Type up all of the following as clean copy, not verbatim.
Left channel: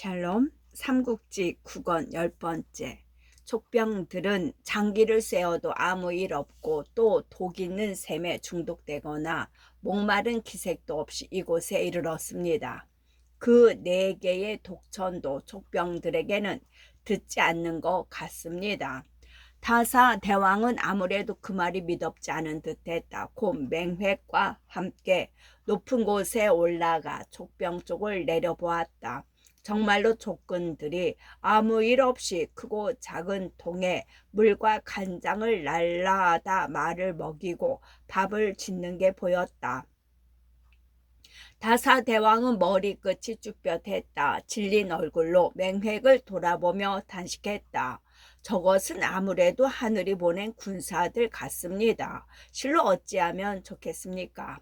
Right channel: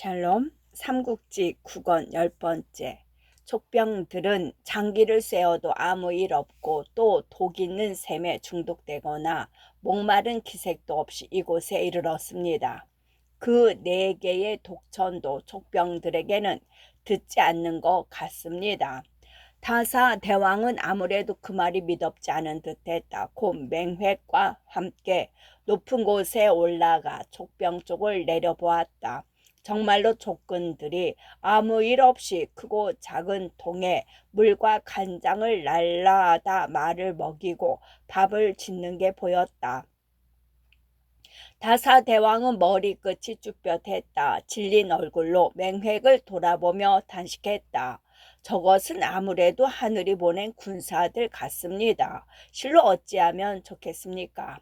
샬롬 삼국지 9권 10번째. 촉병들은 장기를 쐬어도 아무 일 없고 또 독 있는 샘에 중독되거나 목마른 기색도 없이 이곳에 이르렀습니다. 그 4개의 독천도 촉병들에게는 듣지 않는 것 같습니다. 타사 대왕은 아무래도 그 말이 믿업지 않은 듯했다. 곧 맹획과 함께 높은 곳에 올라가 촉병 쪽을 내려보았다. 정말로 족근들이 아무 일 없이 크고 작은 통에 물과 간장을 날라다 말을 먹이고 밥을 짓는 게 보였다. 다사대왕은 머리끝이 쭈뼛했다. 질린 얼굴로 맹획을 돌아보며 단식했다. 저것은 아무래도 하늘이 보낸 군사들 같습니다. 실로 어찌하면 좋겠습니까?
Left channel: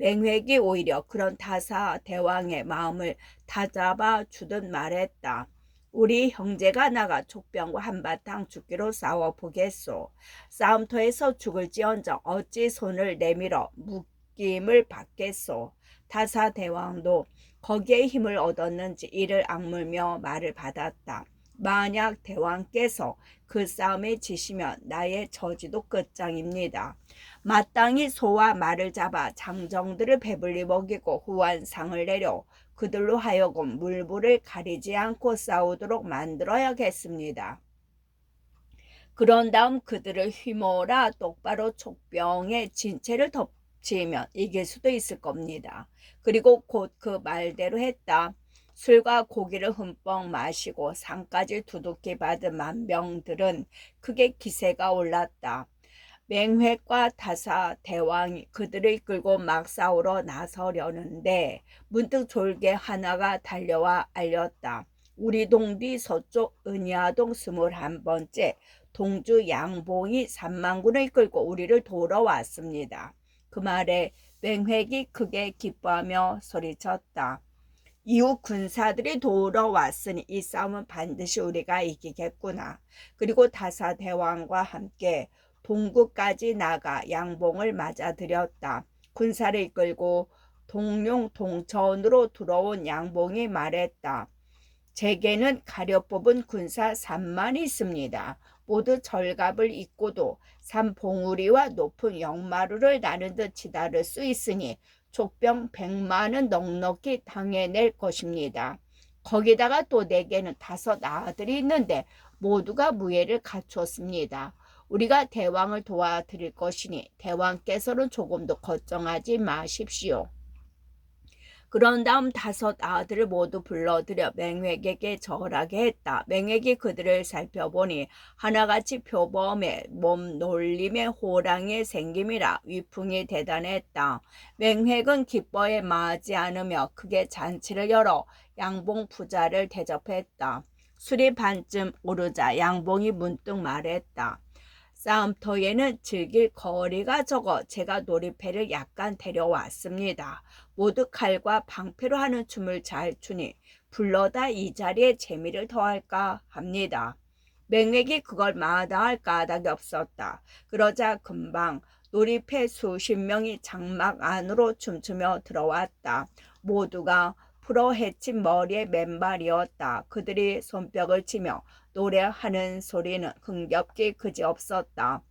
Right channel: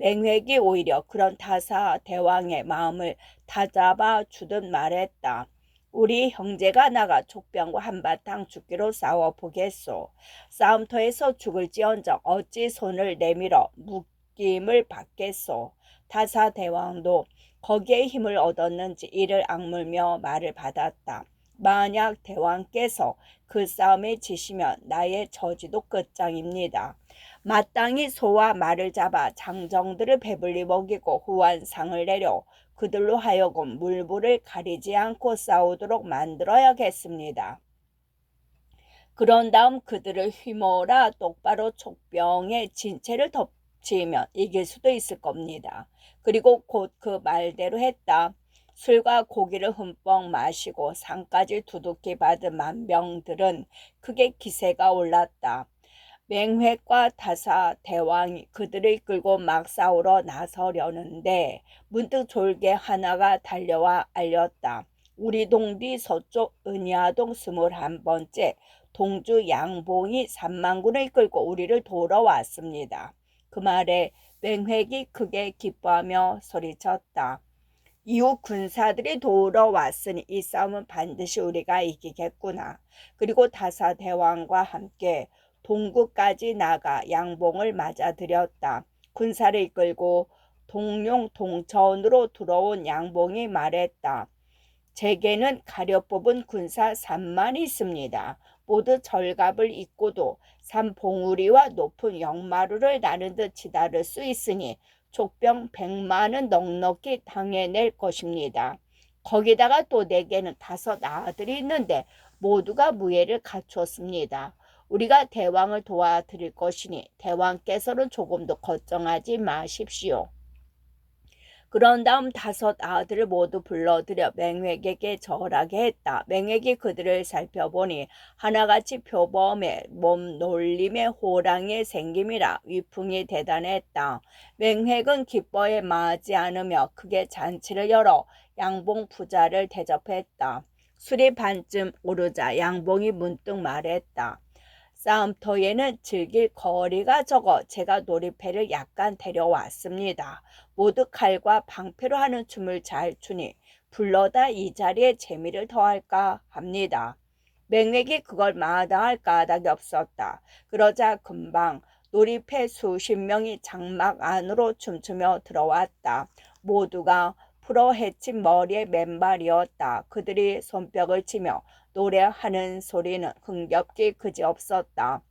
맹획이 오히려 그런 다사대왕의 마음을 다잡아 주듯 말했다. 우리 형제가 나가 족병과 한바탕 죽기로 싸워보겠소. 싸움터에서 죽을지언정 어찌 손을 내밀어 묶임을 받겠소. 다사대왕도 거기에 힘을 얻었는지 이를 악물며 말을 받았다. 만약 대왕께서 그 싸움에 지시면 나의 처지도 끝장입니다. 마땅히 소와 말을 잡아 장정들을 배불리 먹이고 후한상을 내려 그들로 하여금 물불을 가리지 않고 싸우도록 만들어야겠습니다. 그런 다음 그들을 휘몰아 똑바로 촉병의 진체를 덮치면 이길 수도 있을 겁니다. 그리고 곧 그 말대로 했다. 술과 고기를 흠뻑 마시고 상까지 두둑히 받은 만병들은 크게 기세가 올랐다. 맹획과 타사 대왕이 그들을 이끌고 막 싸우러 나서려는데 문득 졸개 하나가 달려와 알렸다. 우리 동뒤 서쪽 은야동 21번째 동주 양봉이 3만군을 이끌고 우리를 도러 왔습니다. 그 말에 맹획이 크게 기뻐하며 소리쳤다. 이웃 군사들이 도우러 왔으니 이 싸움은 반드시 우리가 이기겠구나. 그리고 다사 대왕과 함께 동구까지 나가 양봉을 맞아들였다. 군사를 이끌고 동룡 동천으로 들어온 양봉이 말했다. 제게는 가려 뽑은 군사 3만이 있습니다. 모두 절갑을 입고도 산봉우리와 높은 영마루를 나는 듯 치달을 수 있으니 족병 100만은 넉넉히 당해낼 것입니다. 거기다가 또 내게는 5 아들이 있는데 모두가 무예를 갖추었습니다. 우리가 대왕을 도와드릴 것이니 대왕께서는 조금도 걱정하지 마십시오. 그런 다음 5 아들을 모두 불러들여 맹획에게 절하게 했다. 맹획이 그들을 살펴보니 하나같이 표범에 몸 놀림의 호랑이의 생김이라 위풍이 대단했다. 맹획은 기뻐에 마지 않으며 크게 잔치를 열어 양봉 부자를 대접했다. 술이 반쯤 오르자 양봉이 문득 말했다. 싸움터에는 즐길 거리가 적어 제가 놀이패를 약간 데려왔습니다. 모두 칼과 방패로 하는 춤을 잘 추니 불러다 이 자리에 재미를 더할까 합니다. 맹획이 그걸 마다할 까닭이 없었다. 그러자 금방 놀이패 수십 명이 장막 안으로 춤추며 들어왔다. 모두가 풀어 헤친 머리에 맨발이었다. 그들이 손뼉을 치며 노래하는 소리는 흥겹기 그지없었다.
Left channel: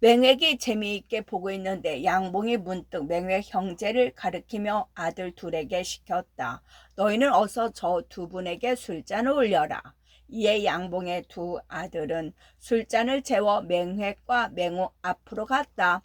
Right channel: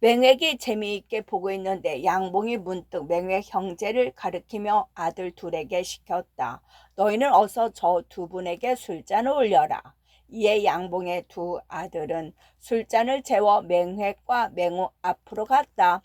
맹획이 재미있게 보고 있는데 양봉이 문득 맹획 형제를 가리키며 아들 둘에게 시켰다. 너희는 어서 저 2분에게 술잔을 올려라. 이에 양봉의 2 아들은 술잔을 채워 맹획과 맹우 앞으로 갔다.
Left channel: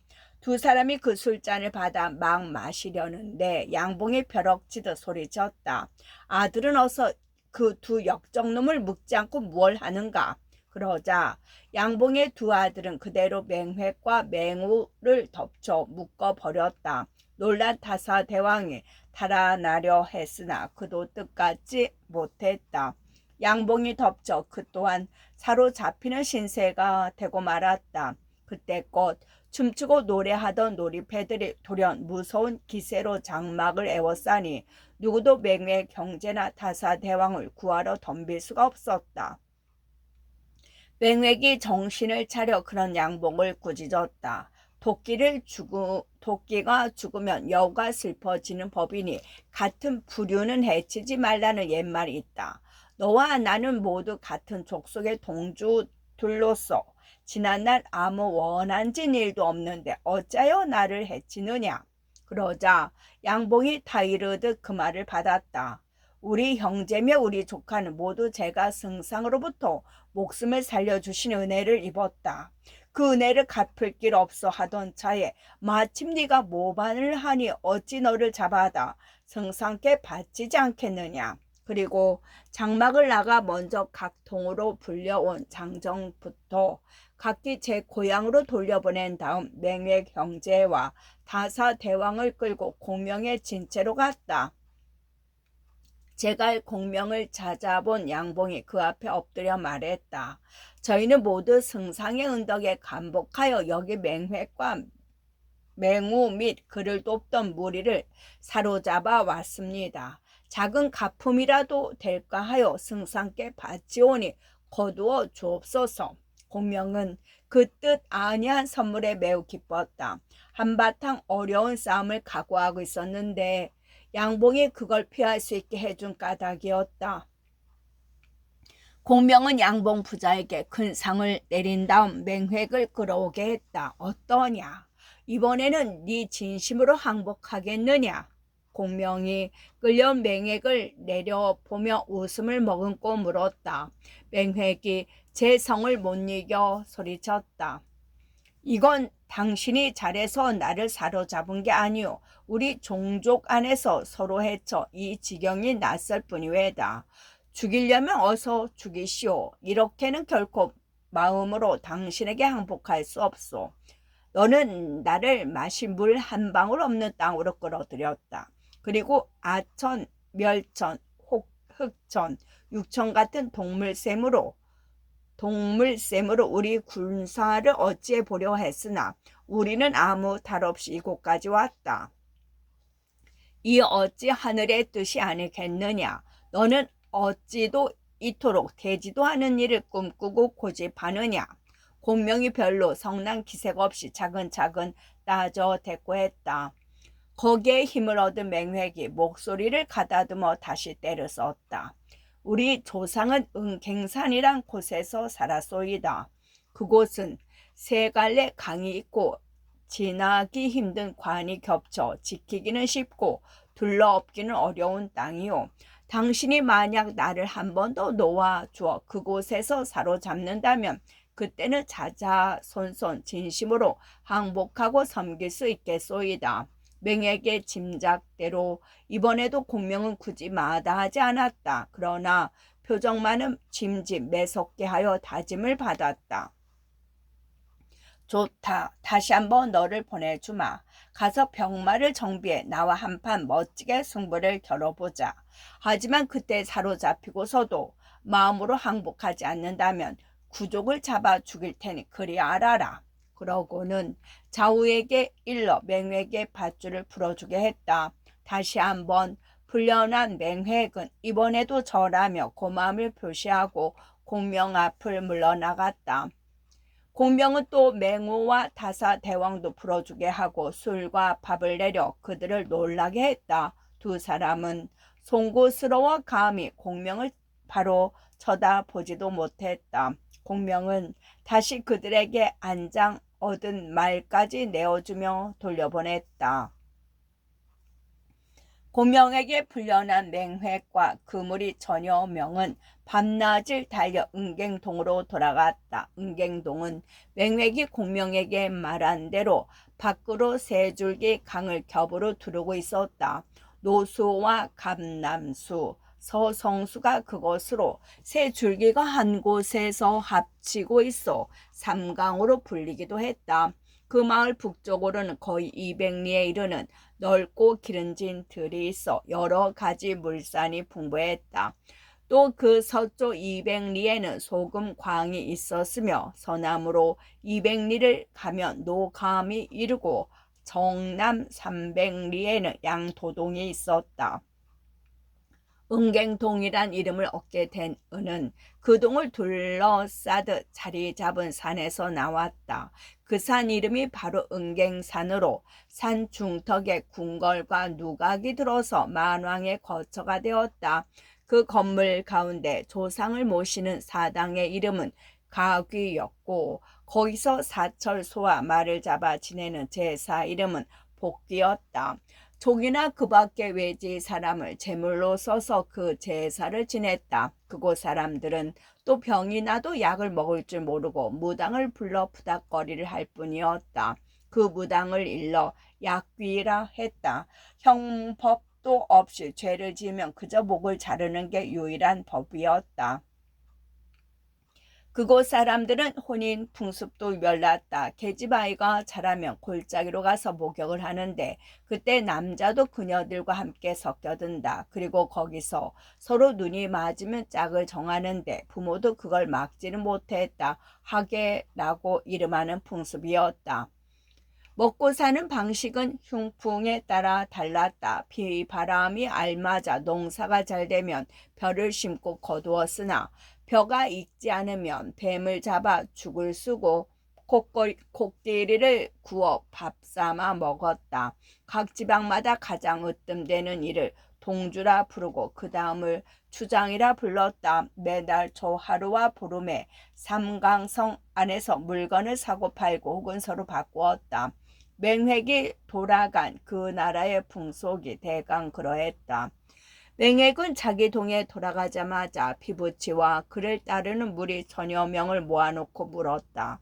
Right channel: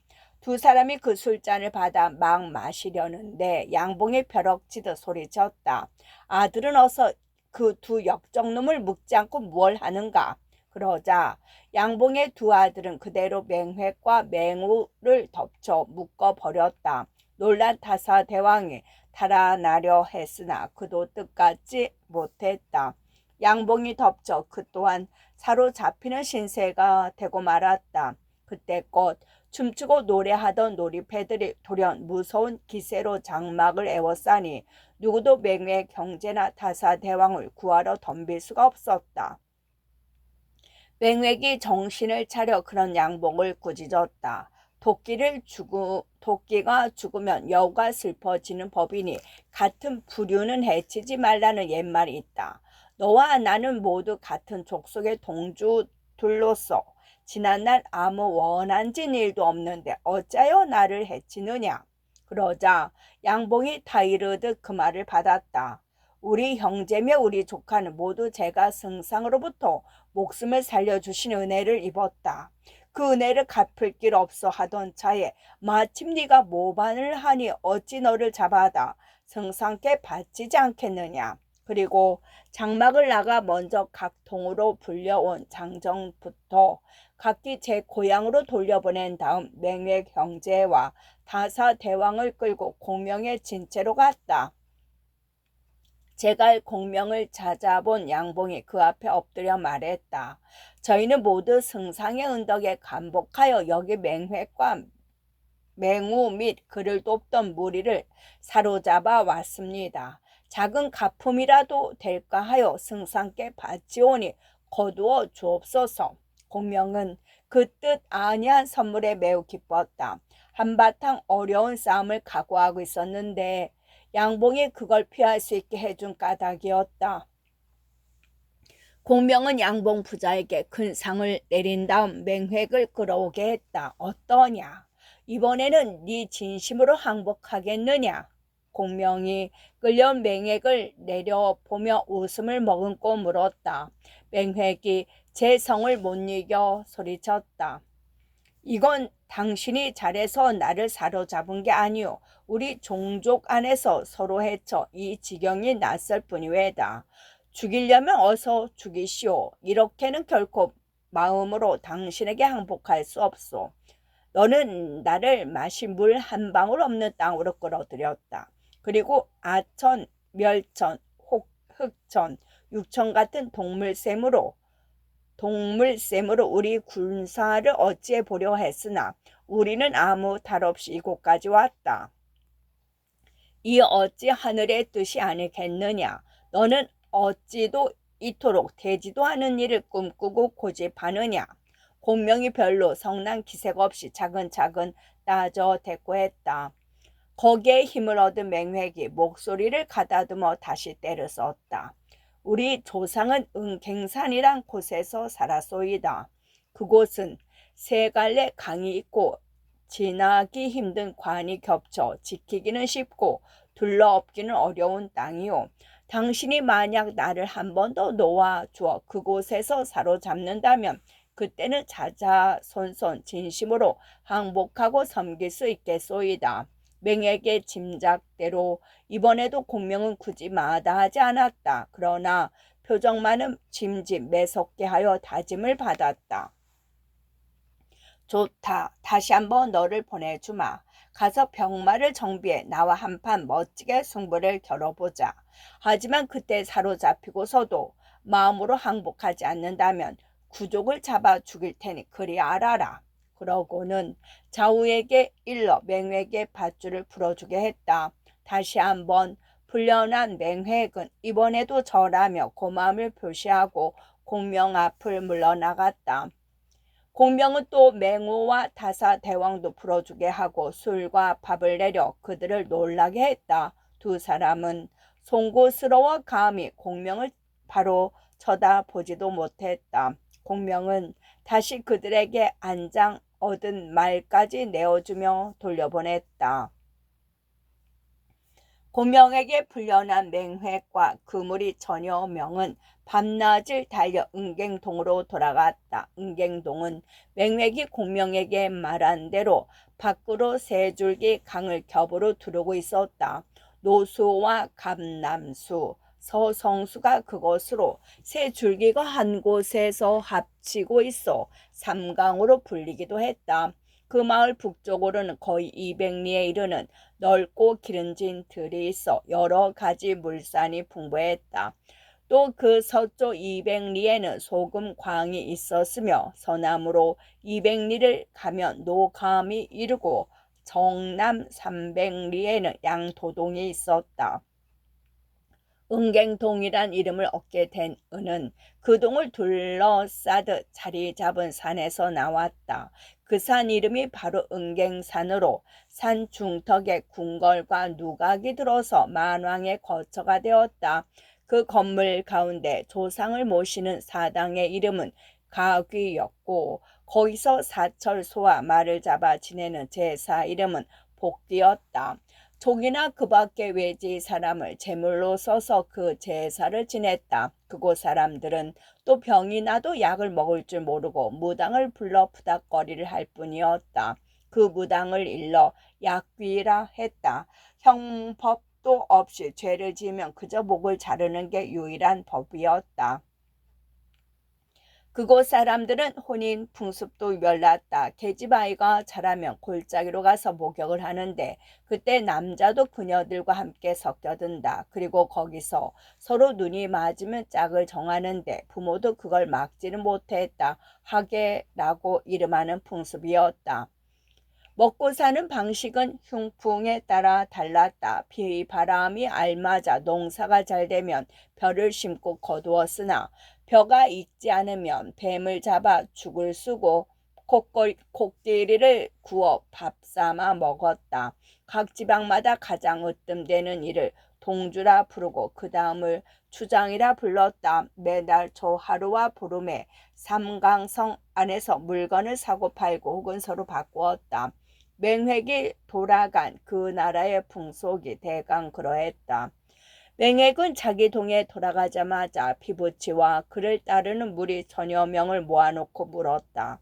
2 사람이 그 술잔을 받아 막 마시려는데 양봉이 벼럭치듯 소리쳤다. 아들은 어서 그 2 역적놈을 묶지 않고 무얼 하는가. 그러자 양봉의 2 아들은 그대로 맹획과 맹우를 덮쳐 묶어버렸다. 놀란 타사 대왕이 달아나려 했으나 그도 뜻같지 못했다. 양봉이 덮쳐 그 또한 사로잡히는 신세가 되고 말았다. 그때껏 춤추고 노래하던 놀이패들이 돌연 무서운 기세로 장막을 에워싸니 누구도 맹획 형제나 타사 대왕을 구하러 덤빌 수가 없었다. 맹획이 정신을 차려 그런 양봉을 꾸짖었다. 도끼를 토끼가 죽으면 여우가 슬퍼지는 법이니 같은 부류는 해치지 말라는 옛말이 있다. 너와 나는 모두 같은 족속의 동주들로서 지난날 아무 원한진 일도 없는데 어찌하여 나를 해치느냐. 그러자 양봉이 타이르듯 그 말을 받았다. 우리 형제며 우리 조카는 모두 제가 승상으로부터 목숨을 살려주신 은혜를 입었다. 그 은혜를 갚을 길 없어 하던 차에 마침 네가 모반을 하니 어찌 너를 잡아다 승상께 바치지 않겠느냐. 그리고 장막을 나가 먼저 각 통으로 불려온 장정부터 각기 제 고향으로 돌려보낸 다음 맹획 형제와 다사 대왕을 끌고 공명의 진채로 갔다. 제갈 공명을 찾아본 양봉이 그 앞에 엎드려 말했다. 저희는 모두 승상의 은덕에 감복하여 여기 맹획과 맹우 및 그를 돕던 무리를 사로잡아 왔습니다. 작은 가품이라도 될까 하여 승상께 바치오니 거두어 주옵소서. 공명은 그 뜻 아니한 선물에 매우 기뻤다. 한바탕 어려운 싸움을 각오하고 있었는데 양봉이 그걸 피할 수 있게 해준 까닭이었다. 공명은 양봉 부자에게 큰 상을 내린 다음 맹획을 끌어오게 했다. 어떠냐? 이번에는 네 진심으로 항복하겠느냐? 공명이 끌려온 맹획을 내려보며 웃음을 머금고 물었다. 맹획이 제 성을 못 이겨 소리쳤다. 이건 당신이 잘해서 나를 사로잡은 게 아니오. 우리 종족 안에서 서로 해쳐 이 지경이 낯설 뿐이외다. 죽이려면 어서 죽이시오. 이렇게는 결코 마음으로 당신에게 항복할 수 없소. 너는 나를 마실 물 한 방울 없는 땅으로 끌어들였다. 그리고 아천, 멸천, 흑천, 육천 같은 동물샘으로 우리 군사를 어찌해 보려 했으나 우리는 아무 탈 없이 이곳까지 왔다. 이 어찌 하늘의 뜻이 아니겠느냐. 너는 어찌도 이토록 되지도 않은 일을 꿈꾸고 고집하느냐. 공명이 별로 성난 기색 없이 차근차근 따져 대꾸했다. 거기에 힘을 얻은 맹획이 목소리를 가다듬어 다시 때를 썼다. 우리 조상은 은갱산이란 곳에서 살았소이다. 그곳은 세 갈래 강이 있고 지나기 힘든 관이 겹쳐 지키기는 쉽고 둘러엎기는 어려운 땅이요. 당신이 만약 나를 한 번 더 놓아주어 그곳에서 사로잡는다면 그때는 자자손손 진심으로 항복하고 섬길 수 있겠소이다. 맹에게 짐작대로 이번에도 공명은 굳이 마다하지 않았다. 그러나 표정만은 짐짓 매섭게 하여 다짐을 받았다. 좋다. 다시 한번 너를 보내주마. 가서 병마를 정비해 나와 한판 멋지게 승부를 겨뤄보자. 하지만 그때 사로잡히고서도 마음으로 항복하지 않는다면 구족을 잡아 죽일 테니 그리 알아라. 그러고는 좌우에게 일러 맹획의 밧줄을 풀어주게 했다. 다시 한번 불려난 맹획은 이번에도 절하며 고마움을 표시하고 공명 앞을 물러나갔다. 공명은 또 맹우와 다사 대왕도 풀어주게 하고 술과 밥을 내려 그들을 놀라게 했다. 두 사람은 송구스러워 감히 공명을 바로 쳐다보지도 못했다. 공명은 다시 그들에게 안장 얻은 말까지 내어주며 돌려보냈다. 공명에게 풀려난 맹획과 그물이 전혀 명은 밤낮을 달려 은갱동으로 돌아갔다. 은갱동은 맹획이 공명에게 말한 대로 밖으로 세 줄기 강을 겹으로 두르고 있었다. 노수와 감남수, 서성수가 그것으로 세 줄기가 한 곳에서 합치고 있어 삼강으로 불리기도 했다. 그 마을 북쪽으로는 거의 200리에 이르는 넓고 기른진 들이 있어 여러 가지 물산이 풍부했다. 또 그 서쪽 200리에는 소금광이 있었으며 서남으로 200리를 가면 노감이 이르고 정남 300리에는 양도동이 있었다. 은갱동이란 이름을 얻게 된 은은 그 동을 둘러싸듯 자리 잡은 산에서 나왔다. 그 산 이름이 바로 은갱산으로 산 중턱에 궁궐과 누각이 들어서 만왕의 거처가 되었다. 그 건물 가운데 조상을 모시는 사당의 이름은 가귀였고 거기서 사철 소와 말을 잡아 지내는 제사 이름은 복귀였다. 족이나 그 밖의 외지 사람을 제물로 써서 그 제사를 지냈다. 그곳 사람들은 또 병이 나도 약을 먹을 줄 모르고 무당을 불러 푸닥거리를 할 뿐이었다. 그 무당을 일러 약귀라 했다. 형법도 없이 죄를 지으면 그저 목을 자르는 게 유일한 법이었다. 그곳 사람들은 혼인 풍습도 몰랐다. 계집아이가 자라면 골짜기로 가서 목욕을 하는데 그때 남자도 그녀들과 함께 섞여든다. 그리고 거기서 서로 눈이 맞으면 짝을 정하는데 부모도 그걸 막지는 못했다. 하계라고 이름하는 풍습이었다. 먹고 사는 방식은 흉풍에 따라 달랐다. 비바람이 알맞아 농사가 잘 되면 벼를 심고 거두었으나 벼가 익지 않으면 뱀을 잡아 죽을 쓰고 코끼리를 구워 밥 삼아 먹었다. 각 지방마다 가장 으뜸되는 일을 동주라 부르고 그 다음을 추장이라 불렀다. 매달 초 하루와 보름에 삼강성 안에서 물건을 사고 팔고 혹은 서로 바꾸었다. 맹획이 돌아간 그 나라의 풍속이 대강 그러했다. 맹획은 자기 동에 돌아가자마자 피부치와 그를 따르는 무리 천여 명을 모아놓고 물었다.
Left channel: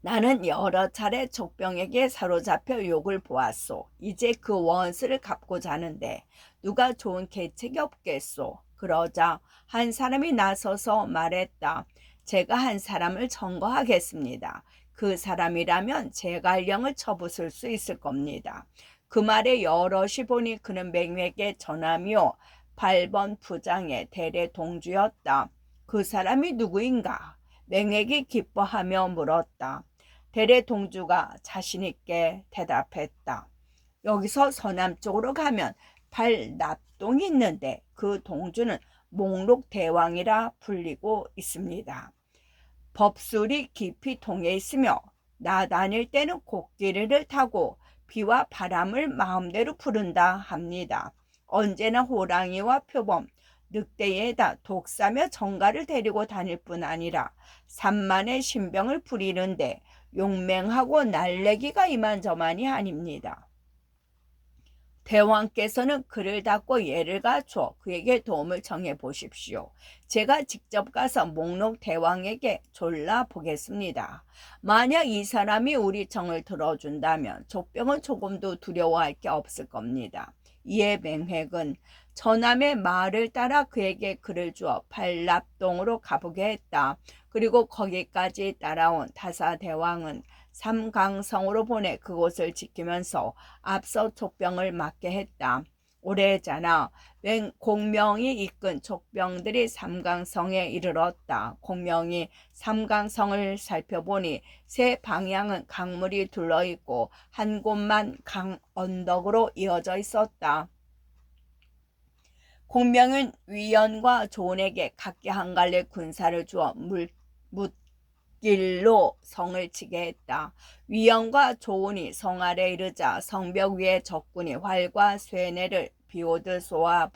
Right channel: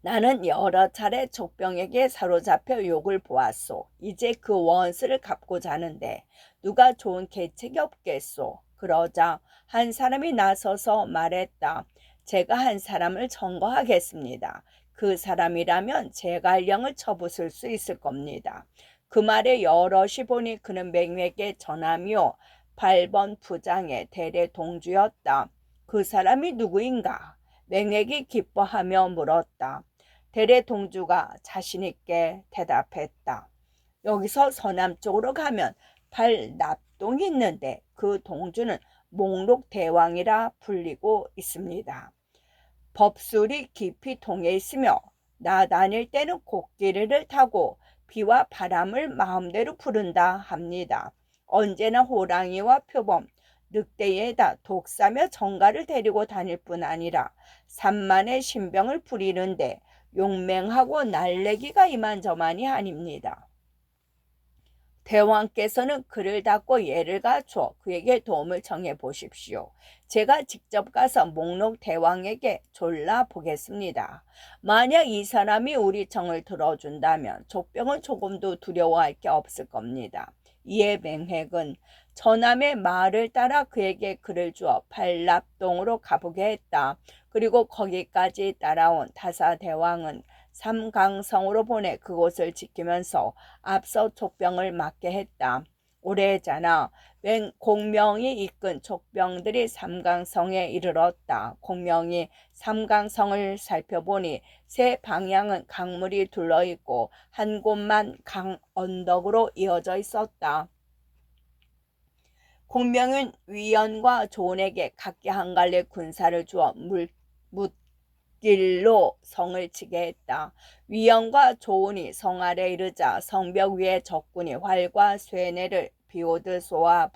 나는 여러 차례 족병에게 사로잡혀 욕을 보았소. 이제 그 원수를 갚고자 하는데 누가 좋은 계책이 없겠소. 그러자 한 사람이 나서서 말했다. 제가 한 사람을 청거하겠습니다. 그 사람이라면 제 관령을 쳐부술 수 있을 겁니다. 그 말에 여럿이 보니 그는 맹맥의 전함이요 8번 부장의 대대 동주였다. 그 사람이 누구인가? 맹맥이 기뻐하며 물었다. 대대 동주가 자신있게 대답했다. 여기서 서남쪽으로 가면 팔납동이 있는데 그 동주는 목록대왕이라 불리고 있습니다. 법술이 깊이 통해 있으며 나 다닐 때는 코끼리를 타고 비와 바람을 마음대로 부른다 합니다. 언제나 호랑이와 표범, 늑대에다 독사며 정가를 데리고 다닐 뿐 아니라 산만의 신병을 부리는데 용맹하고 날래기가 이만저만이 아닙니다. 대왕께서는 그를 닫고 예를 갖춰 그에게 도움을 청해 보십시오. 제가 직접 가서 목록 대왕에게 졸라 보겠습니다. 만약 이 사람이 우리 청을 들어준다면 족병은 조금도 두려워할 게 없을 겁니다. 이에 맹획은 전함의 말을 따라 그에게 글을 주어 팔납동으로 가보게 했다. 그리고 거기까지 따라온 타사 대왕은 삼강성으로 보내 그곳을 지키면서 앞서 족병을 맡게 했다. 오래잖아 공명이 이끈 족병들이 삼강성에 이르렀다. 공명이 삼강성을 살펴보니 세 방향은 강물이 둘러있고 한 곳만 강 언덕으로 이어져 있었다. 공명은 위원과 조원에게 각기 한 갈래 군사를 주어 길로 성을 치게 했다. 위원과 조은이 성 아래 이르자 성벽 위에 적군이 활과 쇠뇌를 비오듯 쏘아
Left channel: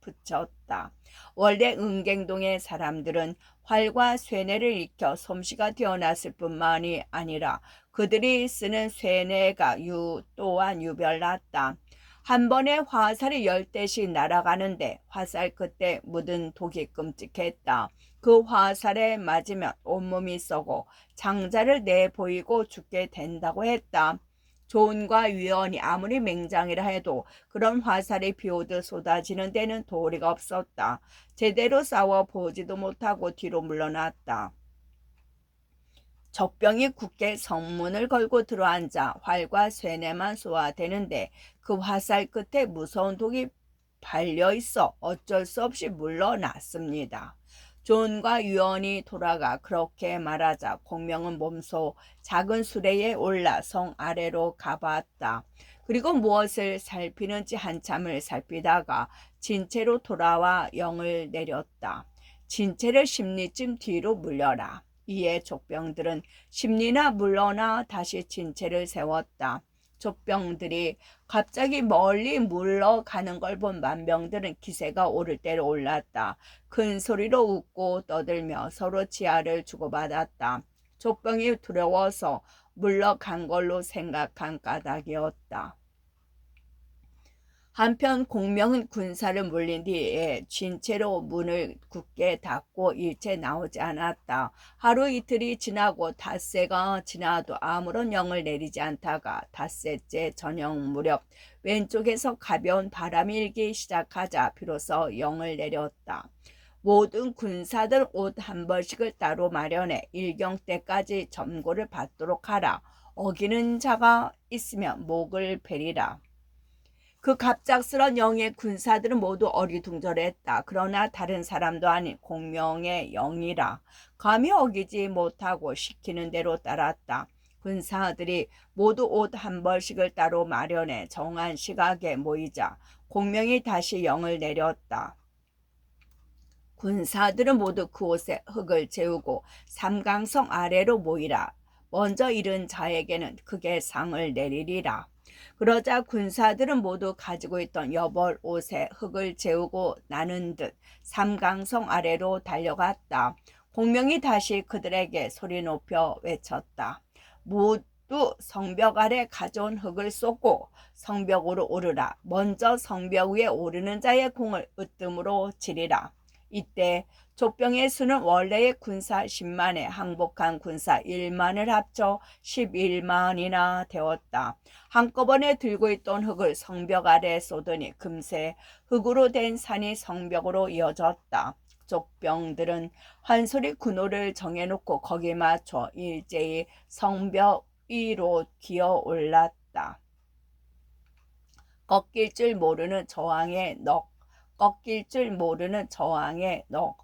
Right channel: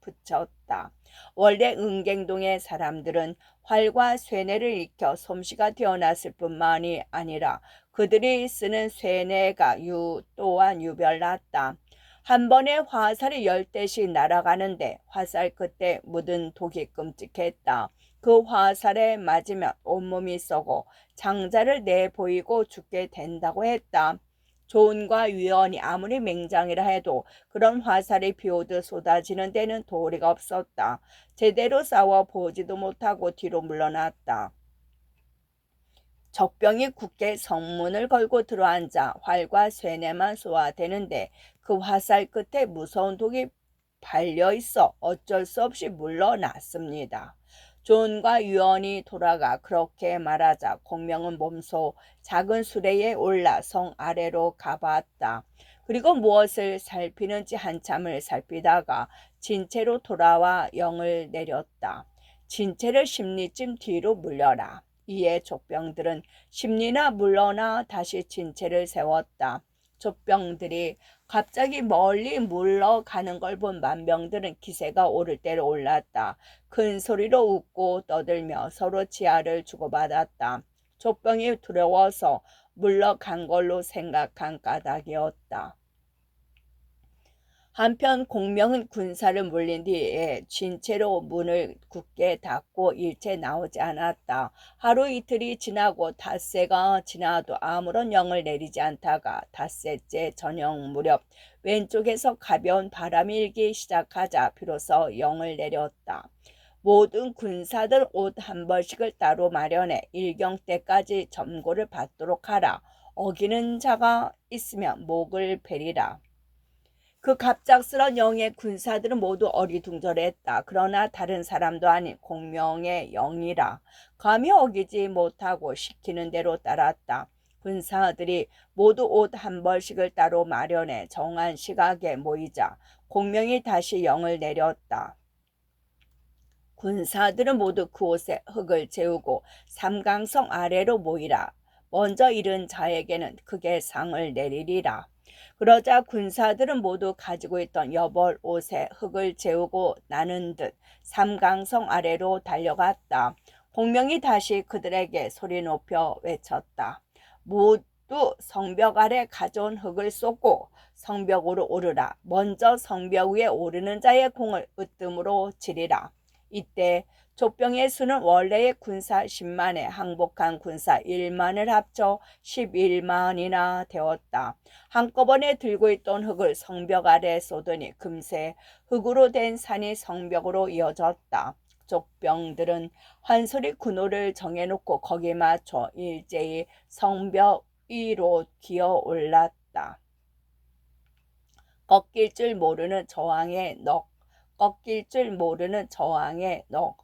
붙였다. 원래 은갱동의 사람들은 활과 쇠뇌를 익혀 솜씨가 뛰어났을 뿐만이 아니라 그들이 쓰는 쇠뇌가 또한 유별났다. 한 번에 화살이 10대씩 날아가는데 화살 끝에 묻은 독이 끔찍했다. 그 화살에 맞으면 온몸이 썩어 장자를 내보이고 죽게 된다고 했다. 조은과 위원이 아무리 맹장이라 해도 그런 화살이 비오듯 쏟아지는 데는 도리가 없었다. 제대로 싸워 보지도 못하고 뒤로 물러났다. 적병이 굳게 성문을 걸고 들어앉아 활과 쇠뇌만 쏘아대는데 그 화살 끝에 무서운 독이 발려있어 어쩔 수 없이 물러났습니다. 존과 유언이 돌아가 그렇게 말하자 공명은 몸소 작은 수레에 올라 성 아래로 가봤다. 그리고 무엇을 살피는지 한참을 살피다가 진채로 돌아와 영을 내렸다. 진채를 10리쯤 뒤로 물려라. 이에 족병들은 10리나 물러나 다시 진채를 세웠다. 족병들이 갑자기 멀리 물러가는 걸 본 만병들은 기세가 오를 대로 올랐다. 큰 소리로 웃고 떠들며 서로 지하를 주고받았다. 족병이 두려워서 물러간 걸로 생각한 까닭이었다. 한편 공명은 군사를 물린 뒤에 진채로 문을 굳게 닫고 일체 나오지 않았다. 하루 이틀이 지나고 닷새가 지나도 아무런 영을 내리지 않다가 닷새째 저녁 무렵 왼쪽에서 가벼운 바람이 일기 시작하자 비로소 영을 내렸다. 모든 군사들 옷 한 벌씩을 따로 마련해 일경 때까지 점고를 받도록 하라. 어기는 자가 있으면 목을 베리라. 그 갑작스런 영의 군사들은 모두 어리둥절했다. 그러나 다른 사람도 아닌 공명의 영이라 감히 어기지 못하고 시키는 대로 따랐다. 군사들이 모두 옷 한 벌씩을 따로 마련해 정한 시각에 모이자 공명이 다시 영을 내렸다. 군사들은 모두 그 옷에 흙을 재우고 삼강성 아래로 모이라. 먼저 이른 자에게는 크게 상을 내리리라. 그러자 군사들은 모두 가지고 있던 여벌 옷에 흙을 재우고 나는 듯 삼강성 아래로 달려갔다. 공명이 다시 그들에게 소리 높여 외쳤다. 모두 성벽 아래 가져온 흙을 쏟고 성벽으로 오르라. 먼저 성벽 위에 오르는 자의 공을 으뜸으로 치리라. 이때 족병의 수는 원래의 군사 10만에 항복한 군사 1만을 합쳐 11만이나 되었다. 한꺼번에 들고 있던 흙을 성벽 아래에 쏟으니 금세 흙으로 된 산이 성벽으로 이어졌다. 족병들은 한 소리 군호를 정해놓고 거기에 맞춰 일제히 성벽 위로 기어 올랐다. 꺾일 줄 모르는 저항의 넋. 꺾일 줄 모르는 저항의 넋.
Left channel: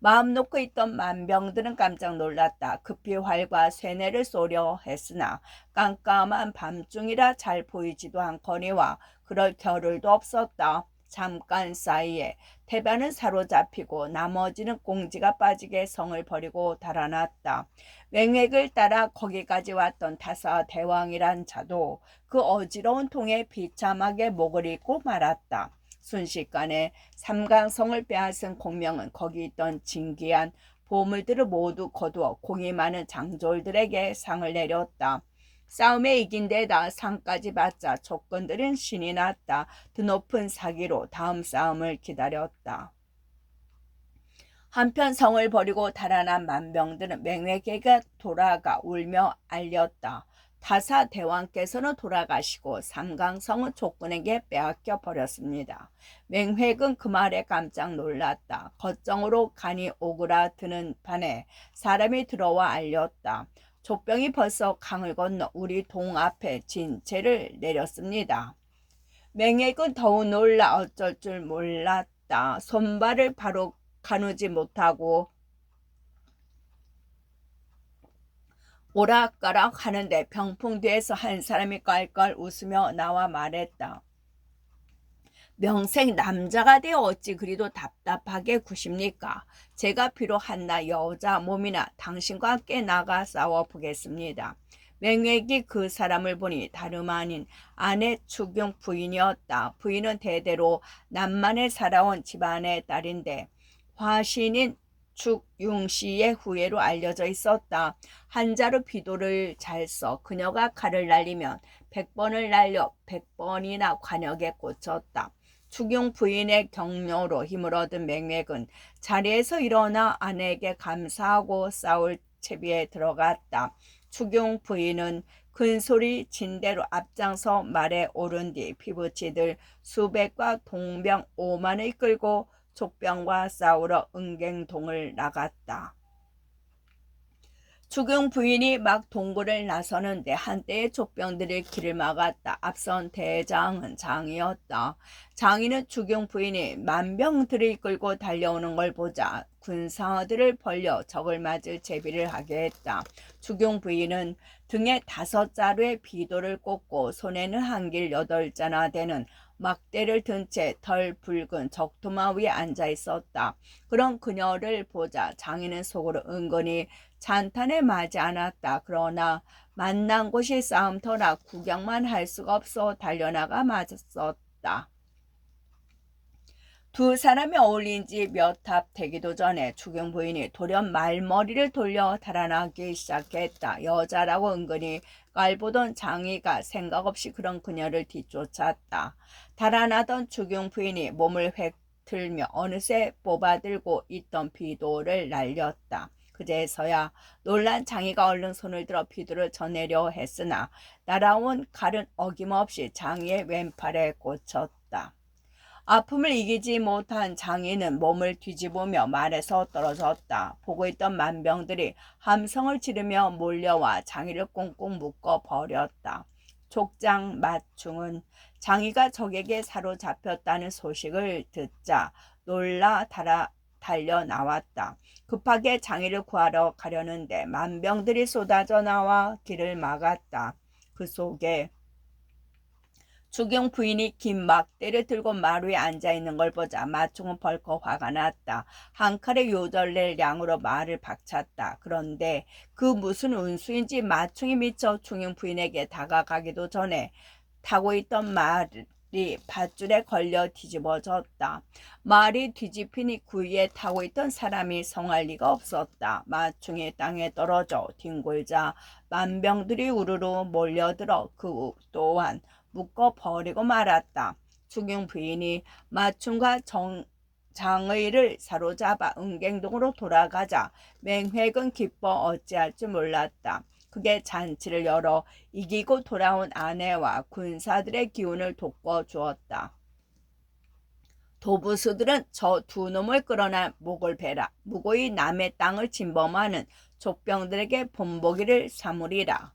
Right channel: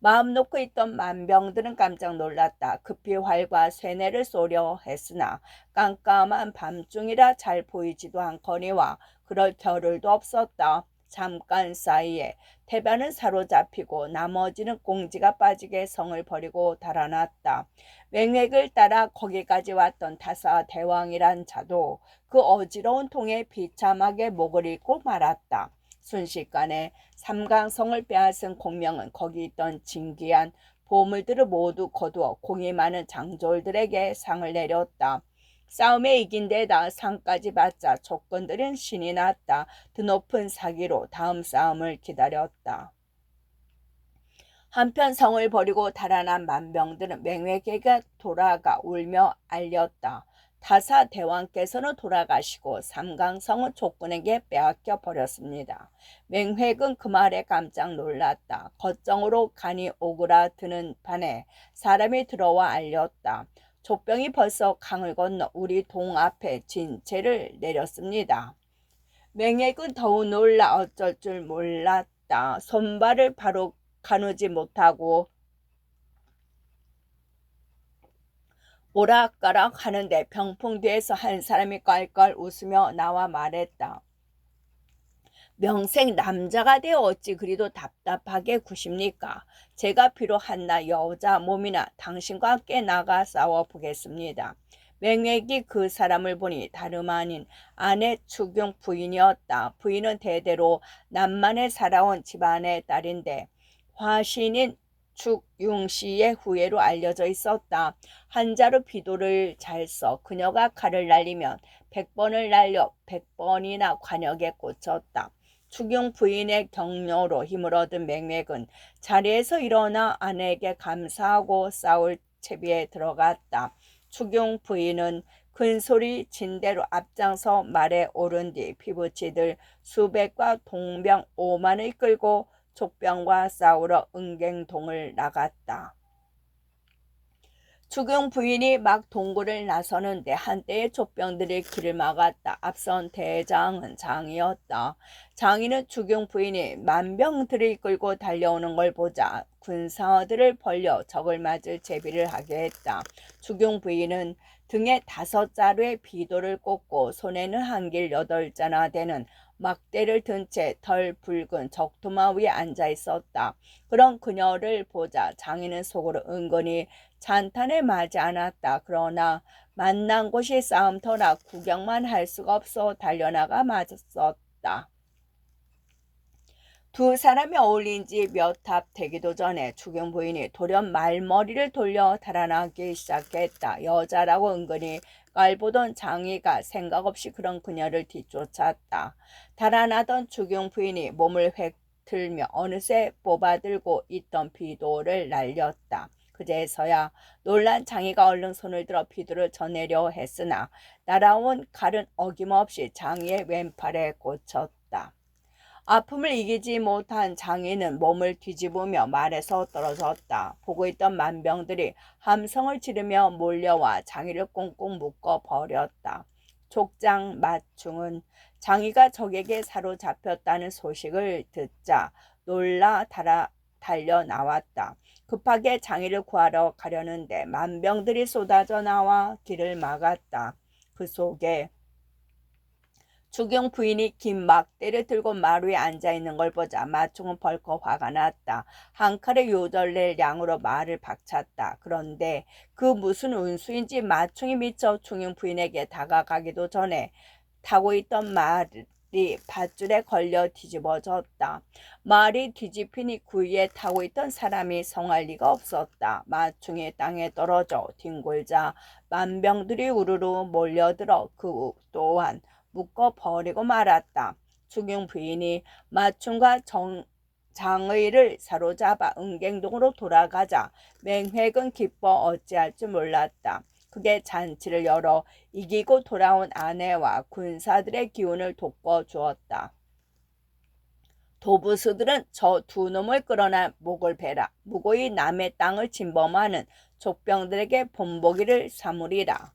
마음 놓고 있던 만병들은 깜짝 놀랐다. 급히 활과 쇠뇌를 쏘려 했으나 깜깜한 밤중이라 잘 보이지도 않거니와 그럴 겨를도 없었다. 잠깐 사이에 태반은 사로잡히고 나머지는 공지가 빠지게 성을 버리고 달아났다. 맹획을 따라 거기까지 왔던 다사 대왕이란 자도 그 어지러운 통에 비참하게 목을 잃고 말았다. 순식간에 삼강성을 빼앗은 공명은 거기 있던 진귀한 보물들을 모두 거두어 공이 많은 장졸들에게 상을 내렸다. 싸움에 이긴 데다 상까지 받자 족건들은 신이 났다. 드높은 사기로 다음 싸움을 기다렸다. 한편 성을 버리고 달아난 만병들은 맹회계가 돌아가 울며 알렸다. 타사 대왕께서는 돌아가시고 삼강성은 족군에게 빼앗겨 버렸습니다. 맹획은 그 말에 깜짝 놀랐다. 겉정으로 간이 오그라드는 판에 사람이 들어와 알렸다. 족병이 벌써 강을 건너 우리 동 앞에 진채를 내렸습니다. 맹획은 더욱 놀라 어쩔 줄 몰랐다. 손발을 바로 가누지 못하고 오락가락 하는데 병풍 뒤에서 한 사람이 깔깔 웃으며 나와 말했다. 명생 남자가 되어 어찌 그리도 답답하게 구십니까? 제가 비록 한낱 여자 몸이나 당신과 함께 나가 싸워보겠습니다. 맹획이 그 사람을 보니 다름 아닌 아내 추경 부인이었다. 부인은 대대로 남만에 살아온 집안의 딸인데 화신인 축융씨의 후예로 알려져 있었다. 한자로 비도를 잘 써 그녀가 칼을 날리면 100번을 날려 100번이나 관역에 꽂혔다. 축용 부인의 격려로 힘을 얻은 맹맥은 자리에서 일어나 아내에게 감사하고 싸울 채비에 들어갔다. 축용 부인은 큰소리 진대로 앞장서 말에 오른 뒤 피부치들 수백과 동병 5만을 끌고 족병과 싸우러 은갱동을 나갔다. 추경 부인이 막 동굴을 나서는데 한때의 족병들이 길을 막았다. 앞선 대장은 장이었다. 장이는 추경 부인이 만병들을 끌고 달려오는 걸 보자 군사들을 벌려 적을 맞을 제비를 하게 했다. 추경 부인은 등에 5자루의 비도를 꽂고 손에는 한길 8자나 되는 막대를 든 채 덜 붉은 적토마 위에 앉아 있었다. 그런 그녀를 보자 장인은 속으로 은근히 찬탄을 맞지 않았다. 그러나 만난 곳이 싸움터라 구경만 할 수가 없어 달려나가 맞섰다. 두 사람이 어울린 지 몇 합 되기도 전에 주경 부인이 돌연 말머리를 돌려 달아나기 시작했다. 여자라고 은근히 깔보던 장이가 생각 없이 그런 그녀를 뒤쫓았다. 달아나던 주경 부인이 몸을 획 틀며 어느새 뽑아들고 있던 비도를 날렸다. 그제서야 놀란 장이가 얼른 손을 들어 비도를 쳐내려 했으나 날아온 칼은 어김없이 장이의 왼팔에 꽂혔다. 아픔을 이기지 못한 장인은 몸을 뒤집으며 말에서 떨어졌다. 보고 있던 만병들이 함성을 지르며 몰려와 장이를 꽁꽁 묶어 버렸다. 족장 마충은 장이가 적에게 사로잡혔다는 소식을 듣자 놀라 달려 나왔다. 급하게 장이를 구하러 가려는데 만병들이 쏟아져 나와 길을 막았다. 그 속에 주경 부인이 긴 막대를 들고 마루에 앉아있는 걸 보자 마충은 벌컥 화가 났다. 한 칼에 요절낼 양으로 말을 박찼다. 그런데 그 무슨 운수인지 마충이 미쳐 주경 부인에게 다가가기도 전에 타고 있던 말이 밧줄에 걸려 뒤집어졌다. 말이 뒤집히니 그 위에 타고 있던 사람이 성할 리가 없었다. 마충이 땅에 떨어져 뒹굴자 만병들이 우르르 몰려들어 그 또한 묶어버리고 말았다. 주경 부인이 마충과 장의를 사로잡아 은갱동으로 돌아가자 맹획은 기뻐 어찌할 줄 몰랐다. 그게 잔치를 열어 이기고 돌아온 아내와 군사들의 기운을 돋궈 주었다. 도부수들은 저 두 놈을 끌어나 목을 베라. 무고히 남의 땅을 침범하는 족병들에게 본보기를 삼으리라.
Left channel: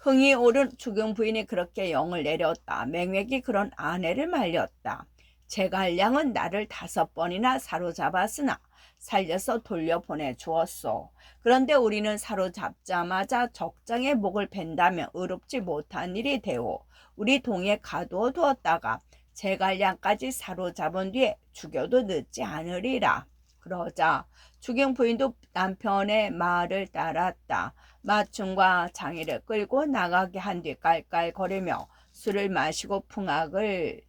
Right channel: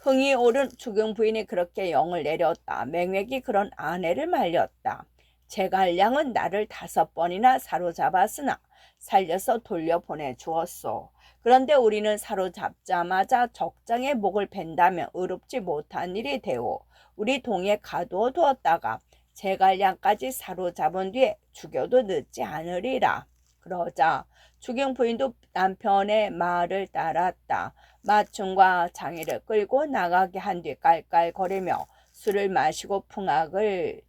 흥이 오른 주경 부인이 그렇게 영을 내렸다. 맹획이 그런 아내를 말렸다. 제갈량은 나를 5번이나 사로잡았으나 살려서 돌려보내 주었소. 그런데 우리는 사로잡자마자 적장의 목을 벤다면 의롭지 못한 일이 되오. 우리 동에 가두어 두었다가 제갈량까지 사로잡은 뒤에 죽여도 늦지 않으리라. 그러자 주경 부인도 남편의 말을 따랐다. 마충과 장이를 끌고 나가게 한 뒤 깔깔거리며 술을 마시고 풍악을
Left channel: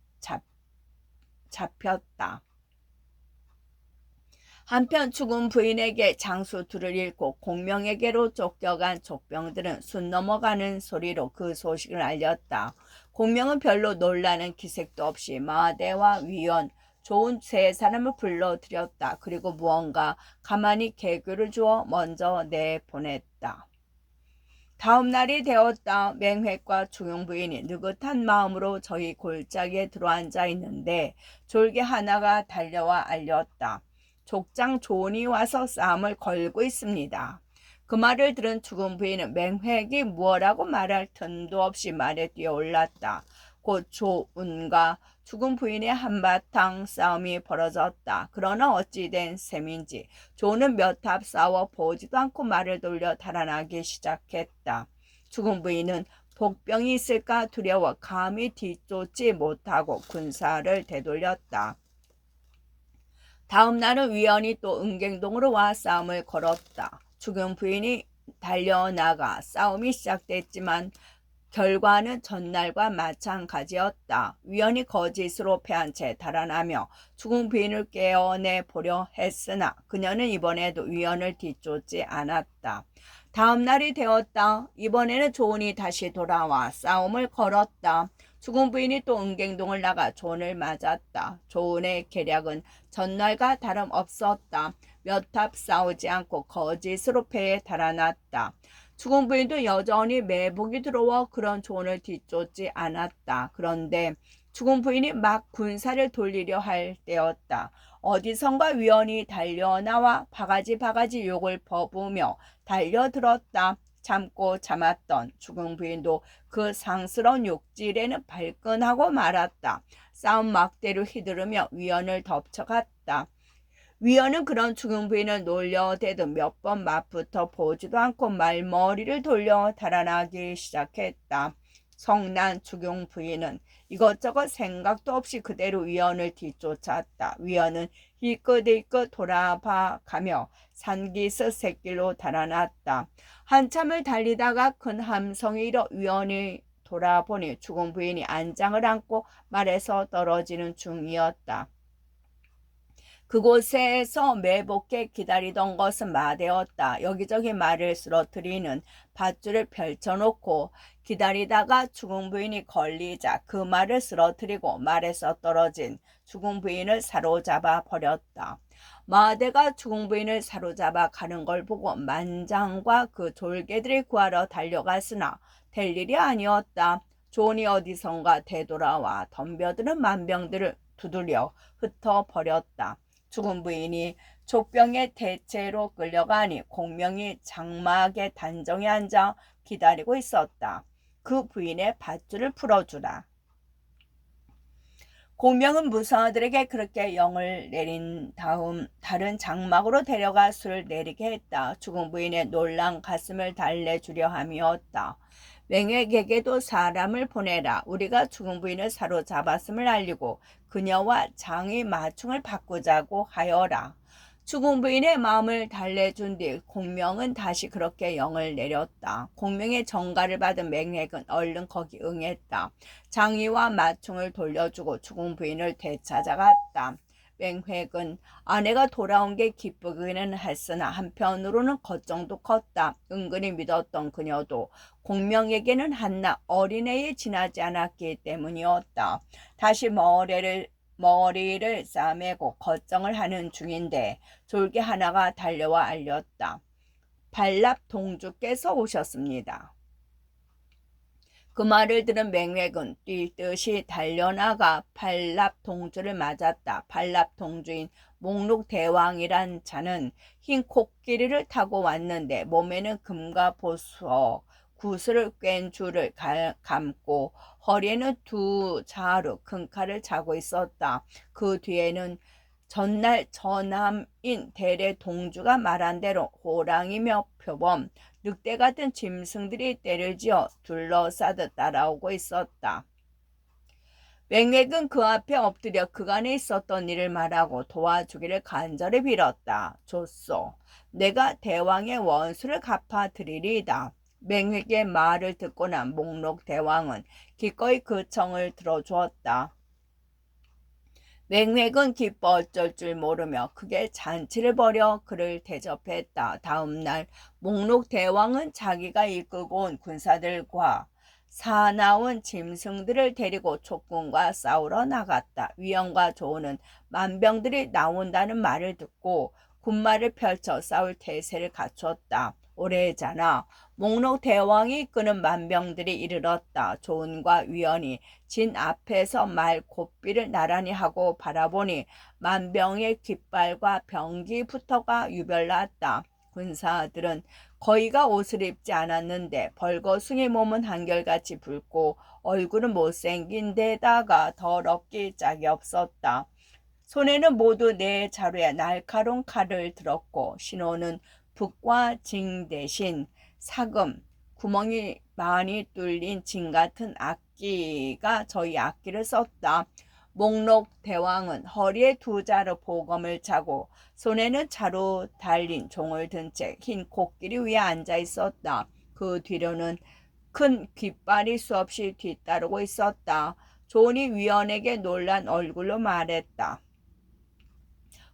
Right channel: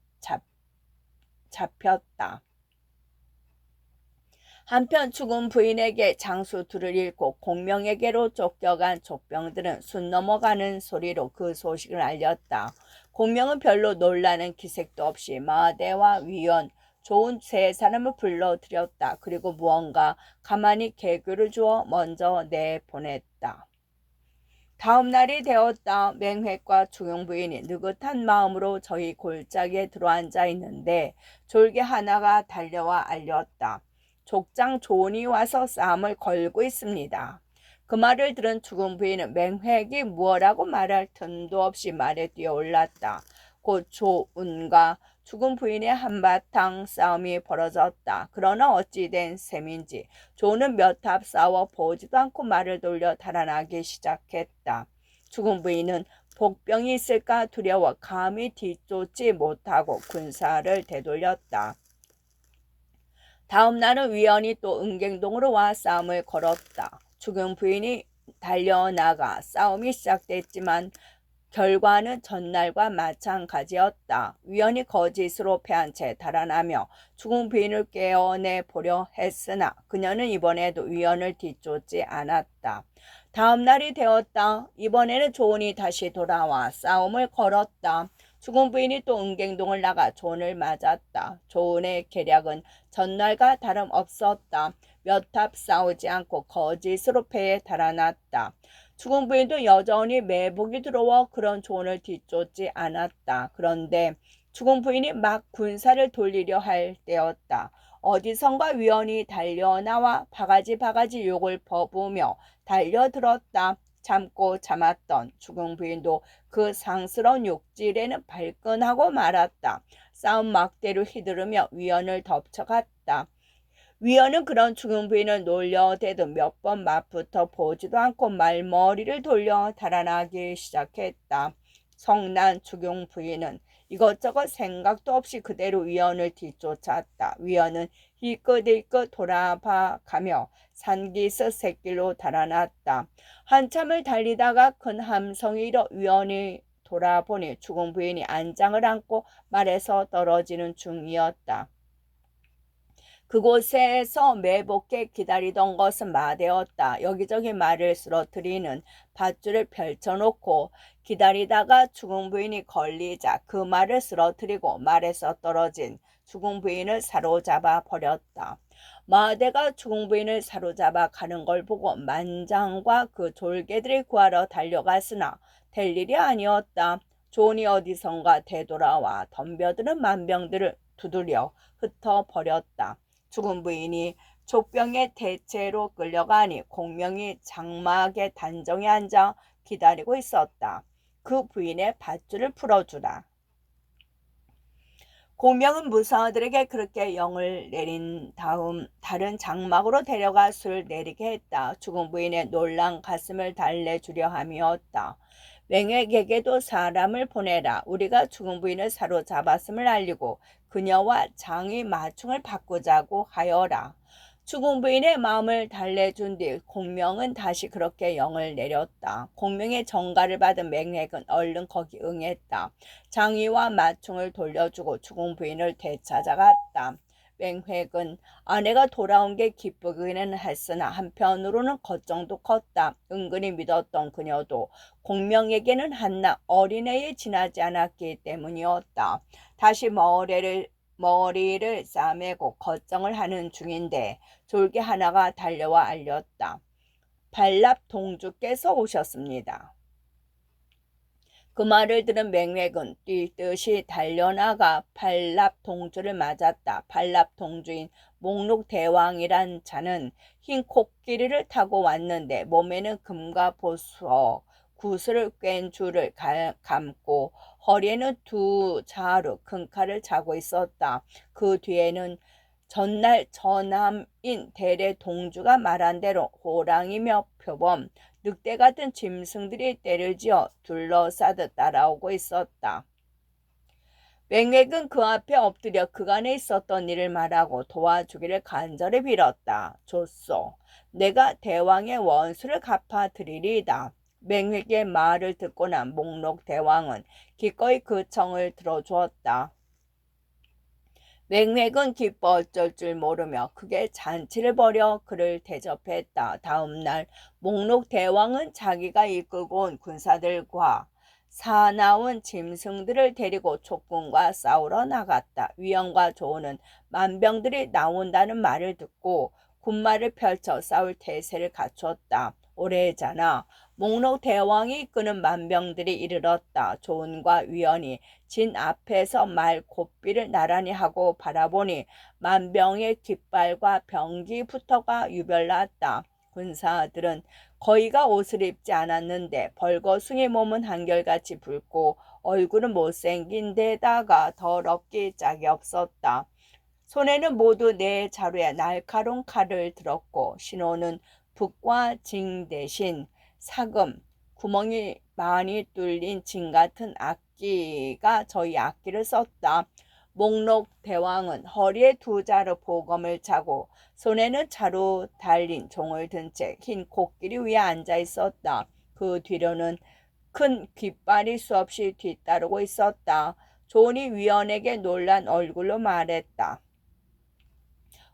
잡혔다. 한편 죽은 부인에게 장수 둘을 잃고 공명에게로 쫓겨간 족병들은 순 넘어가는 소리로 그 소식을 알렸다. 공명은 별로 놀라는 기색도 없이 마대와 위원 좋은 3사람을 불러들였다. 그리고 무언가 가만히 개규를 주어 먼저 내보냈다. 다음 날이 되었다. 맹획과 주경 부인이 느긋한 마음으로 저희 골짜기에 들어앉아 있는데 졸개 하나가 달려와 알렸다. 족장 조은이 와서 싸움을 걸고 있습니다. 그 말을 들은 주경 부인은 맹획이 무엇라고 말할 틈도 없이 말에 뛰어올랐다. 곧 조은과 죽은 부인의 한바탕 싸움이 벌어졌다. 그러나 어찌된 셈인지 조는 몇 합 싸워 보지도 않고 말을 돌려 달아나기 시작했다. 죽은 부인은 복병이 있을까 두려워 감히 뒤쫓지 못하고 군사를 되돌렸다. 다음 날은 위원이 또 은갱동으로 와 싸움을 걸었다. 죽은 부인이 달려나가 싸움이 시작됐지만 결과는 전날과 마찬가지였다. 위원이 거짓으로 패한 채 달아나며 죽은 부인을 깨어내 보려 했으나 그녀는 이번에도 위원을 뒤쫓지 않았다. 다음 날이 되었다. 이번에는 조은이 다시 돌아와 싸움을 걸었다. 죽은 부인이 또 은갱동을 나가 조은을 맞았다. 조은의 계략은 전날과 다름없었다. 몇 합 싸우지 않고 거짓으로 패에 달아났다. 죽은 부인도 여전히 매복이 들어와 그런 조언을 뒤쫓지 않았다. 그런데 죽은 부인이 막 군사를 돌리려 할 때였다. 어디선가 위원이 달려나와 바가지 욕을 퍼부으며 달려들었다. 참고 참았던 죽은 부인도 그 상스러운 욕질에는 발끈하고 말았다. 싸움 막대로 휘두르며 위원을 덮쳐갔다. 위원은 그런 죽은 부인을 놀려대도 몇 번 맞붙어 보지도 않고 말머리를 돌려 달아나기 시작했다. 성난 죽은 부인은 이것저것 생각도 없이 그대로 위원을 뒤쫓았다. 위원은 힐끗힐끗 돌아봐 가며 산기슭 샛길로 달아났다. 한참을 달리다가 큰 함성이 일어 위원이 돌아보니 죽은 부인이 안장을 안고 말에서 떨어지는 중이었다. 그곳에서 매복해 기다리던 것은 마대였다. 여기저기 말을 쓰러뜨리는 밧줄을 펼쳐놓고 기다리다가 죽은 부인이 걸리자 그 말을 쓰러뜨리고 말에서 떨어진 죽은 부인을 사로잡아 버렸다. 마대가 죽은 부인을 사로잡아 가는 걸 보고 만장과 그 졸개들을 구하러 달려갔으나 될 일이 아니었다. 존이 어디선가 되돌아와 덤벼드는 만병들을 두드려 흩어버렸다. 죽은 부인이 족병의 대체로 끌려가니 공명이 장막의 단정에 앉아 기다리고 있었다. 그 부인의 밧줄을 풀어주라. 공명은 무사들에게 그렇게 영을 내린 다음 다른 장막으로 데려가 술을 내리게 했다. 죽은 부인의 놀란 가슴을 달래주려 함이었다. 맹획에게도 사람을 보내라. 우리가 죽은 부인을 사로잡았음을 알리고 그녀와 장의 마충을 바꾸자고 하여라. 죽은 부인의 마음을 달래준 뒤 공명은 다시 그렇게 영을 내렸다. 공명의 전가를 받은 맹획은 얼른 거기 응했다. 장의와 마충을 돌려주고 죽은 부인을 되찾아갔다. 맹획은 아내가 돌아온 게 기쁘기는 했으나 한편으로는 걱정도 컸다. 은근히 믿었던 그녀도 공명에게는 한낱 어린애에 지나지 않았기 때문이었다. 다시 머리를 싸매고 걱정을 하는 중인데 졸개 하나가 달려와 알렸다. 발랍 동주께서 오셨습니다. 그 말을 들은 맹획은 뛰듯이 달려나가 발랍 동주를 맞았다. 발랍 동주인 목록 대왕이란 자는 흰 코끼리를 타고 왔는데 몸에는 금과 보석, 구슬을 꿰은 줄을 감고 허리에는 두 자루 큰 칼을 차고 있었다. 그 뒤에는 전날 전함인 대래 동주가 말한 대로 호랑이며 표범, 늑대 같은 짐승들이 떼를 지어 둘러싸듯 따라오고 있었다. 맹맥은 그 앞에 엎드려 그간에 있었던 일을 말하고 도와주기를 간절히 빌었다. 좋소. 내가 대왕의 원수를 갚아드리리이다. 맹획의 말을 듣고 난 목록 대왕은 기꺼이 그 청을 들어주었다. 맹획은 기뻐 어쩔 줄 모르며 크게 잔치를 벌여 그를 대접했다. 다음 날 목록 대왕은 자기가 이끌고 온 군사들과 사나운 짐승들을 데리고 촉군과 싸우러 나갔다. 위원과 조는 만병들이 나온다는 말을 듣고 군마를 펼쳐 싸울 태세를 갖췄다. 오래잖아 목록 대왕이 이끄는 만병들이 이르렀다. 조은과 위원이 진 앞에서 말 고삐를 나란히 하고 바라보니 만병의 깃발과 병기부터가 유별났다. 군사들은 거의가 옷을 입지 않았는데 벌거숭이 몸은 한결같이 붉고 얼굴은 못생긴 데다가 더럽기 짝이 없었다. 손에는 모두 네 자루의 날카로운 칼을 들었고 신호는 북과 징 대신 사금, 구멍이 많이 뚫린 징 같은 악기가 저희 악기를 썼다. 목록 대왕은 허리에 두 자루 보검을 차고 손에는 자루 달린 종을 든 채 흰 코끼리 위에 앉아 있었다. 그 뒤로는 큰 깃발이 수없이 뒤따르고 있었다. 존이 위원에게 놀란 얼굴로 말했다.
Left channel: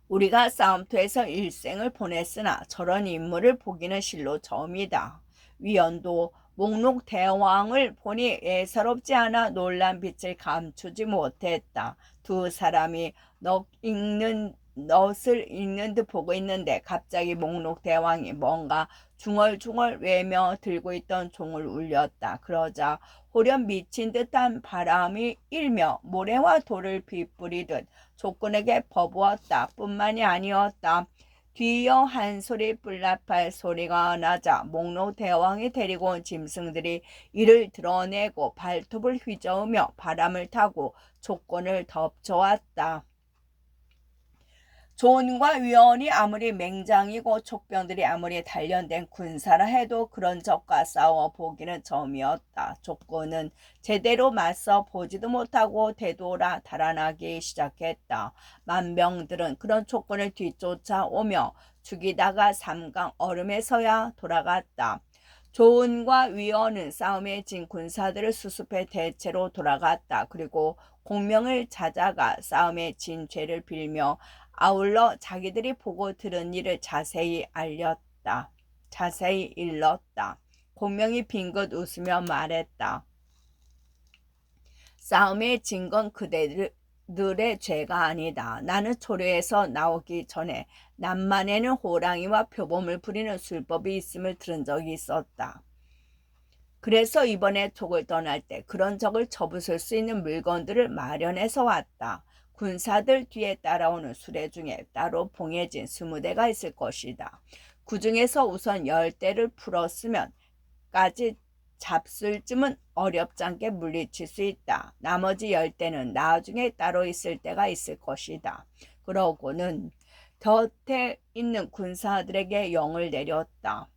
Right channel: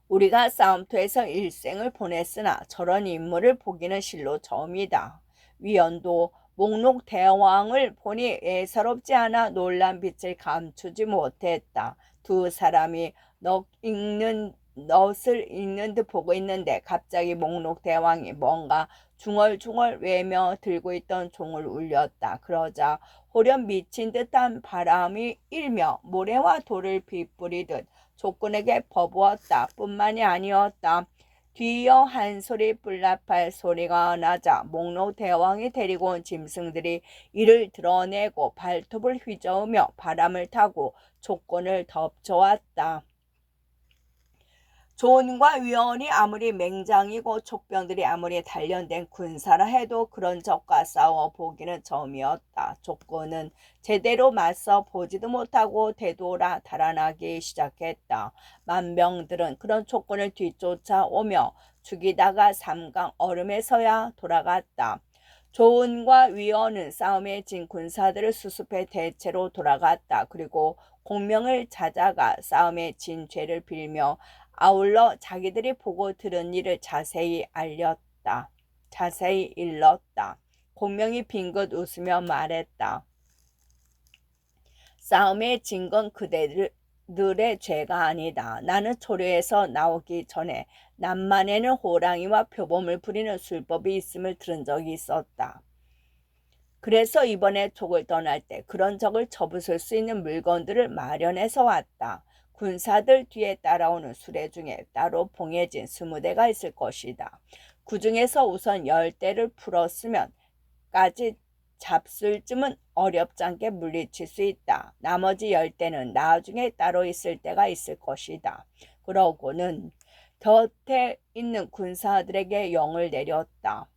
우리가 싸움터에서 일생을 보냈으나 저런 인물을 보기는 실로 처음이다. 위원도 목록 대왕을 보니 예사롭지 않아 놀란 빛을 감추지 못했다. 두 사람이 넛을 읽는 듯 보고 있는데 갑자기 목록 대왕이 뭔가 중얼중얼 외며 들고 있던 종을 울렸다. 그러자 호련 미친 듯한 바람이 일며 모래와 돌을 빗뿌리듯 족군에게 퍼부었다. 뿐만이 아니었다. 뒤이어 한 소리 뿔나팔 소리가 나자 목록 대왕이 데리고 온 짐승들이 이를 드러내고 발톱을 휘저으며 바람을 타고 족군을 덮쳐왔다. 존과 위원이 아무리 맹장이고 족병들이 아무리 단련된 군사라 해도 그런 적과 싸워 보기는 처음이었다. 족군은 제대로 맞서 보지도 못하고 되돌아 달아나기 시작했다. 만병들은 그런 족군을 뒤쫓아오며 죽이다가 삼강 얼음에서야 돌아갔다. 조은과 위원은 싸움에 진 군사들을 수습해 대체로 돌아갔다. 그리고 공명을 찾아가 싸움에 진 죄를 빌며 아울러 자기들이 보고 들은 일을 자세히 일렀다. 공명이 빙긋 웃으며 말했다. 싸움에 진 건 그대들의 죄가 아니다. 나는 초려에서 나오기 전에 남만에는 호랑이와 표범을 부리는 술법이 있음을 들은 적이 있었다. 그래서 이번에 족을 떠날 때 그런 적을 접으실 수 있는 물건들을 마련해서 왔다. 군사들 뒤에 따라오는 수레 중에 따로 봉해진 20대가 있을 것이다. 그 중에서 우선 10대를 풀었으면 까지 잡술쯤은 어렵지 않게 물리칠 수 있다. 나머지 10대는 나중에 따로 있을 때가 있을 것이다. 그러고는 곁에 있는 군사들에게 영을 내렸다.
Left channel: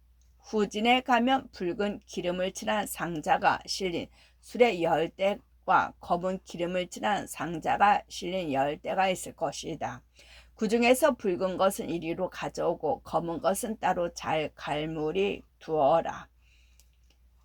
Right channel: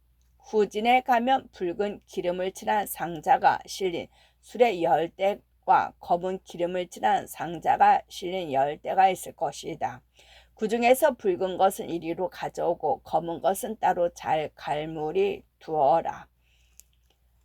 후진에 가면 붉은 기름을 칠한 상자가 실린 수레 10대와 검은 기름을 칠한 상자가 실린 10대가 있을 것이다. 그 중에서 붉은 것은 이리로 가져오고 검은 것은 따로 잘 갈무리 두어라.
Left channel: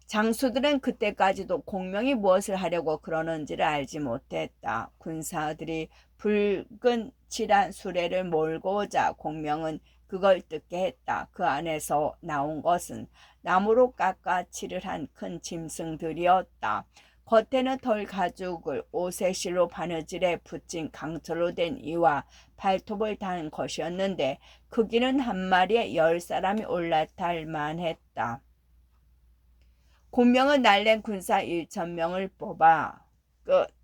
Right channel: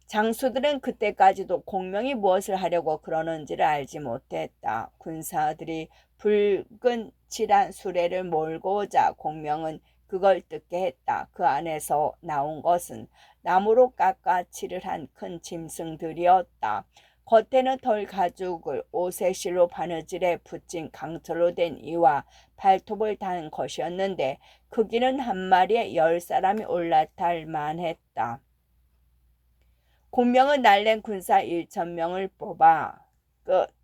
장수들은 그때까지도 공명이 무엇을 하려고 그러는지를 알지 못했다. 군사들이 붉은 칠한 수레를 몰고 오자 공명은 그걸 뜯게 했다. 그 안에서 나온 것은 나무로 깎아 칠을 한 큰 짐승들이었다. 겉에는 털 가죽을 옷의 실로 바느질에 붙인 강철로 된 이와 발톱을 단 것이었는데 크기는 한 마리에 10사람이 올라탈 만했다. 공명은 날랜 군사 1,000명을 뽑아 끝.